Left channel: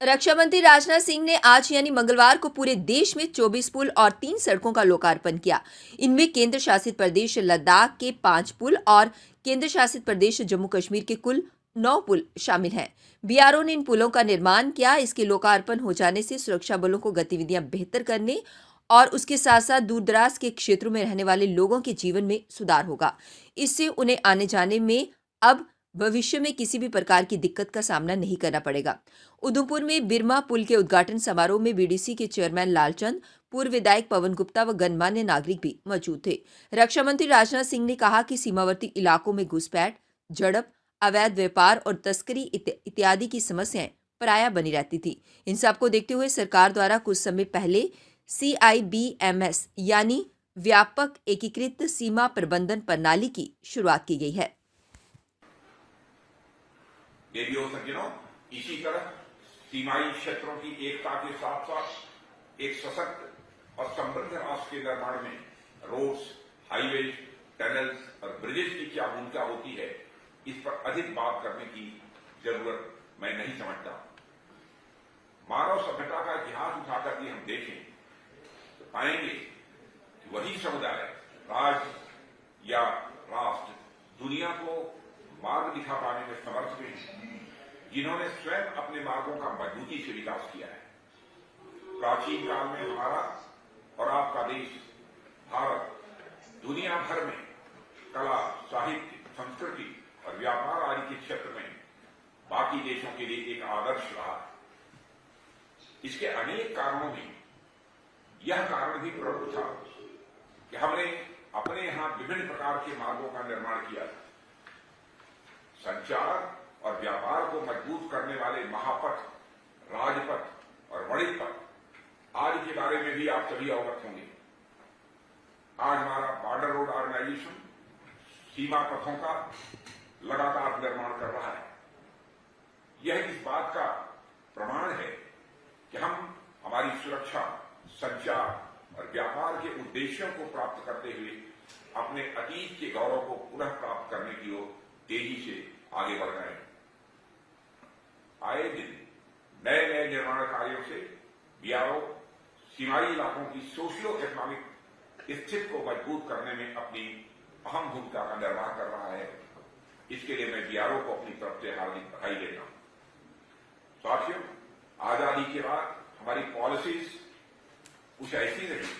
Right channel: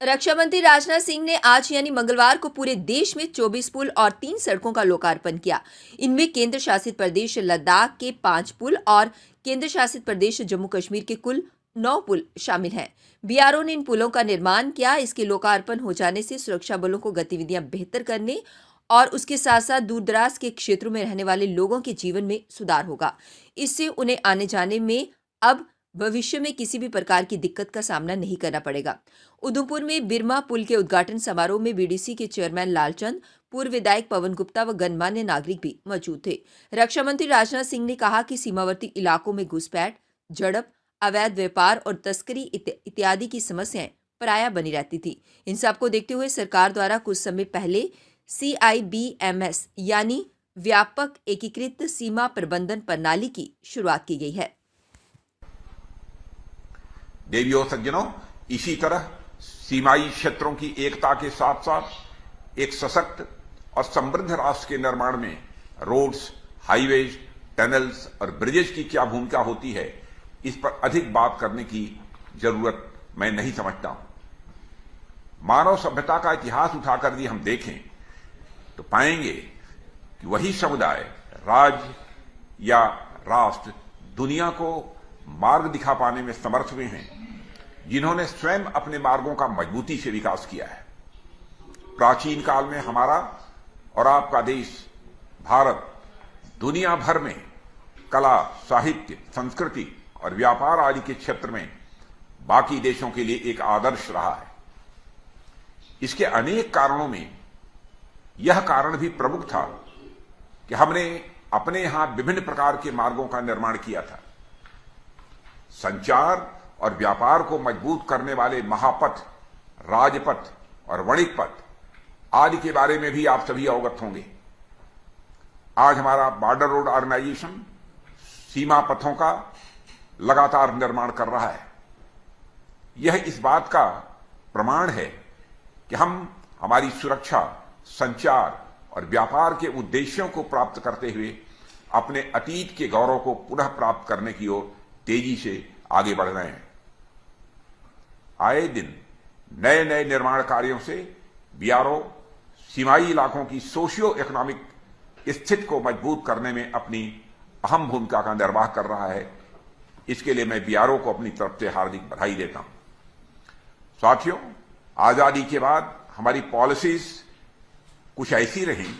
रक्षा मंत्री राजनाथ सिंह ने आज यानी मंगलवार को पूरे देश में 24 पुल और 3 सड़कों का लोकार्पण किया। इनमें केंद्र शासित प्रदेश लद्दाख के 5 पुल और केंद्र शासित प्रदेश जम्मू कश्मीर के कुल 9 पुल शामिल हैं। बीआरओ ने इन पुलों का निर्माण किया। इसके लोकार्पण हो जाने से सुरक्षा बलों को गतिविधियां बेहतर करने और उसके साथ साथ दूरदराज के क्षेत्रों में रहने वाले लोगों के जीवन में सुधार होगा। इससे उन्हें आने जाने में अब भविष्य में किसी भी प्रकार की दिक्कत का सामना नहीं करना पड़ेगा। उधमपुर में बिरमा पुल के उद्घाटन समारोह में बीडीसी के चेयरमैन लालचंद, पूर्व विधायक पवन गुप्ता व गणमान्य नागरिक भी मौजूद थे। रक्षा मंत्री राजनाथ सिंह ने कहा कि सीमावर्ती इलाकों में घुसपैठ, झड़प, अवैध व्यापार और तस्करी इत्यादि की समस्याएं प्रायः बनी रहती थी। इन सबको देखते हुए सरकार द्वारा कुछ समय पहले CIBMS यानी व्यापक एकीकृत सीमा प्रबंधन प्रणाली की शुरुआत की गई है। देवियों सज्जनों, इसी तरह सीमाई क्षेत्रों की एकता के साथ साथ एक सशक्त और समृद्ध राष्ट्र के निर्माण में रोड्स, हाईवेज, टनल्स और ब्रिजेस की क्या भूमिका होती है, इस पर अधिक बात करने की जरूरत मैं नहीं समझता। मानव सभ्यता का इतिहास उठाकर भी हम देखें तो पाएंगे कि वही समुदाय, राज्य या राष्ट्र दुनिया को मार्ग दिखा पाने में समर्थ हुए हैं जिन्होंने स्वयं अपने मार्गों का मजबूती से विकास किया है। प्राचीन काल में हमारा और आपका देश भारत दुनिया भर में कला, साहित्य, संस्कृति और व्यापार आदि के क्षेत्र में बाकी देशों के लिए एक आदर्श रहा है। इसके अनेक कारणों में यह कारण भी प्रमुख था कि हमने अपने यहां विभिन्न प्रकार के मार्गों का निर्माण किया था। संचार और व्यापार को मजबूत करने वाले महापथ, राजपथ और वाणिज्य पथ आदि के बारे में भी आप सभी अवगत होंगे। आज हमारा बॉर्डर रोड ऑर्गेनाइजेशन सीमा पथों का लगातार निर्माण कर रहा है। यह इस बात का प्रमाण है कि हम हमारी सुरक्षा, संचार और व्यापार के उद्देश्यों को प्राप्त करते हुए अपने अतीत के गौरव को पुनः प्राप्त करने की ओर तेजी से आगे बढ़ रहे हैं। आए दिन नए नए निर्माण कार्यों से बीआरओ सीमाई इलाकों की सोशियो इकोनॉमिक स्थिति को मजबूत करने में अपनी अहम भूमिका का निर्वाह कर रहा है। इसके लिए मैं बीआरओ को अपनी तरफ से हार्दिक बधाई देता हूं। साथियों, आजादी के बाद हमारी पॉलिसीज कुछ ऐसी रही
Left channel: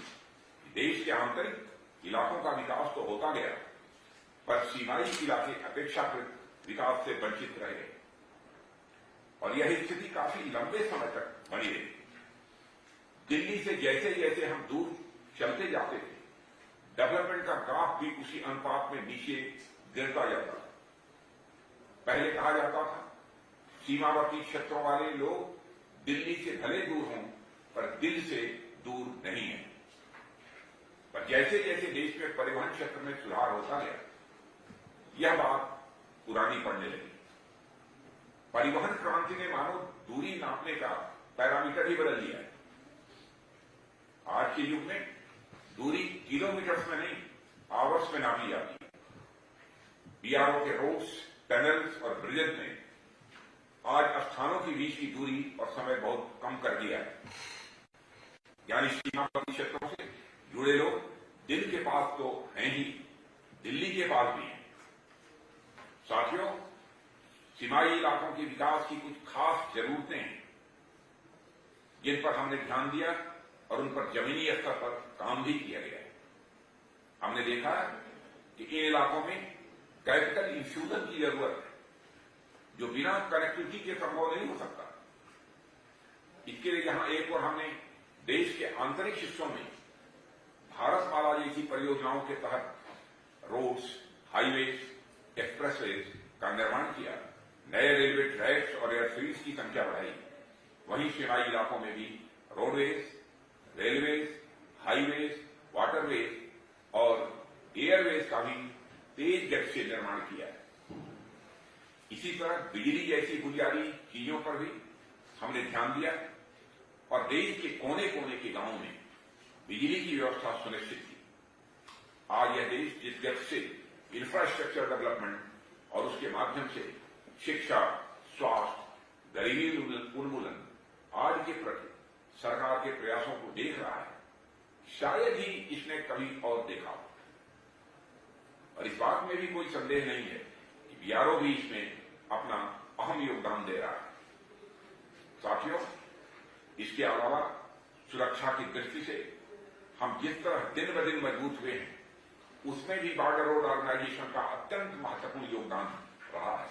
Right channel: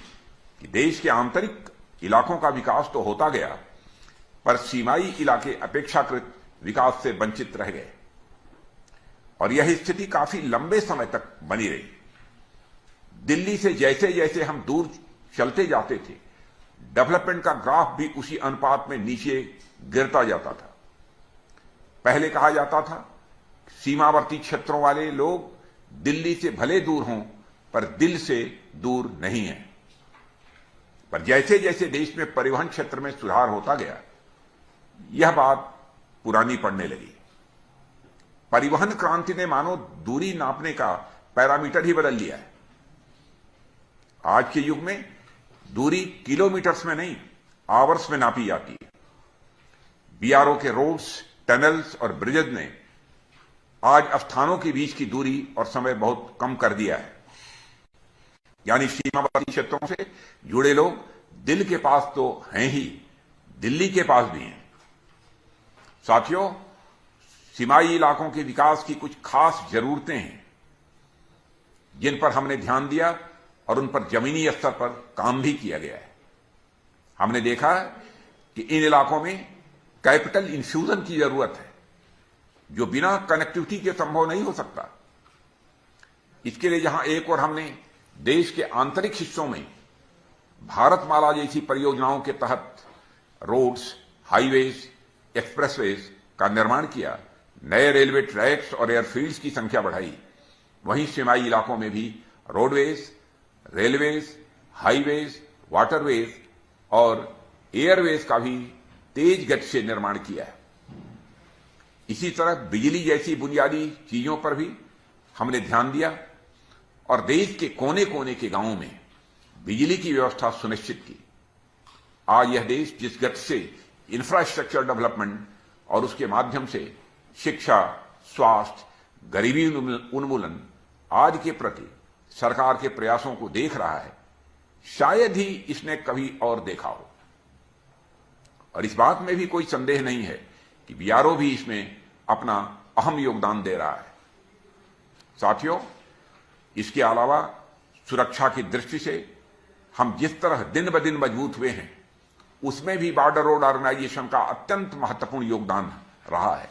कि देश के आंतरिक इलाकों का विकास तो होता गया, पर सीमाई इलाके अपेक्षाकृत विकास से वंचित रह गए और यह स्थिति काफी लंबे समय तक बनी रही। दिल्ली से जैसे जैसे हम दूर चलते जाते थे, डेवलपमेंट का ग्राफ भी उसी अनुपात में नीचे गिरता जाता था। पहले कहा जाता था सीमावर्ती क्षेत्रों वाले लोग दिल्ली से भले दूर हों पर दिल से दूर नहीं है। पर जैसे जैसे देश में परिवहन क्षेत्र में सुधार होता गया, यह बात पुरानी पड़ने लगी। परिवहन क्रांति ने मानो दूरी नापने का पैरामीटर ही बदल दिया है। आज के युग में दूरी किलोमीटर्स में नहीं, आवर्स में नापी जाती है। बीआरओ के रोड्स, टनल्स और ब्रिजेज ने आज स्थानों के बीच की दूरी और समय बहुत कम कर दिया है। यानी सीमावर्ती क्षेत्रों से जुड़े लोग दिल के पास तो हैं ही, दिल्ली के पास भी हैं। साथियों, सीमाई इलाकों के विकास की कुछ खास जरूरतें हैं जिन पर हमने ध्यान दिया और उन पर जमीनी स्तर पर काम भी किया गया है। हमने देखा कि इन इलाकों में कैपिटल इन्फ्यूजन की जरूरत है जो बिना कनेक्टिविटी के संभव नहीं हो सकता। इसके लिए जहां एक और हमने देश के आंतरिक हिस्सों में भारतमाला जैसी परियोजनाओं के तहत रोड्स, हाईवेज, एक्सप्रेसवेज का निर्माण किया, नए रेलवे ट्रैक्स और एयरफील्ड्स की संख्या बढ़ाई, वहीं सीमाई इलाकों में भी रोडवेज, रेलवेज, हाईवेज, वाटरवेज और एयरवेज का भी तेज गति से निर्माण किया है। इसी तरह बिजली जैसी बुनियादी चीजों पर भी हमने ध्यान दिया और देश के कोने कोने के गांवों में बिजली की व्यवस्था सुनिश्चित की। आज यह देश जिस गति से इंफ्रास्ट्रक्चर डेवलपमेंट और उसके माध्यम से शिक्षा, स्वास्थ्य, गरीबी उन्मूलन आज के प्रति सरकार के प्रयासों को देख रहा है, शायद ही इसने कभी और देखा हो। और इस बात में भी कोई संदेह नहीं है कि बीआरओ भी इसमें अपना अहम योगदान दे रहा है। साथियों, इसके अलावा सुरक्षा की दृष्टि से हम जिस तरह दिन ब दिन मजबूत हुए हैं, उसमें भी बॉर्डर रोड ऑर्गेनाइजेशन का अत्यंत महत्वपूर्ण योगदान रहा है।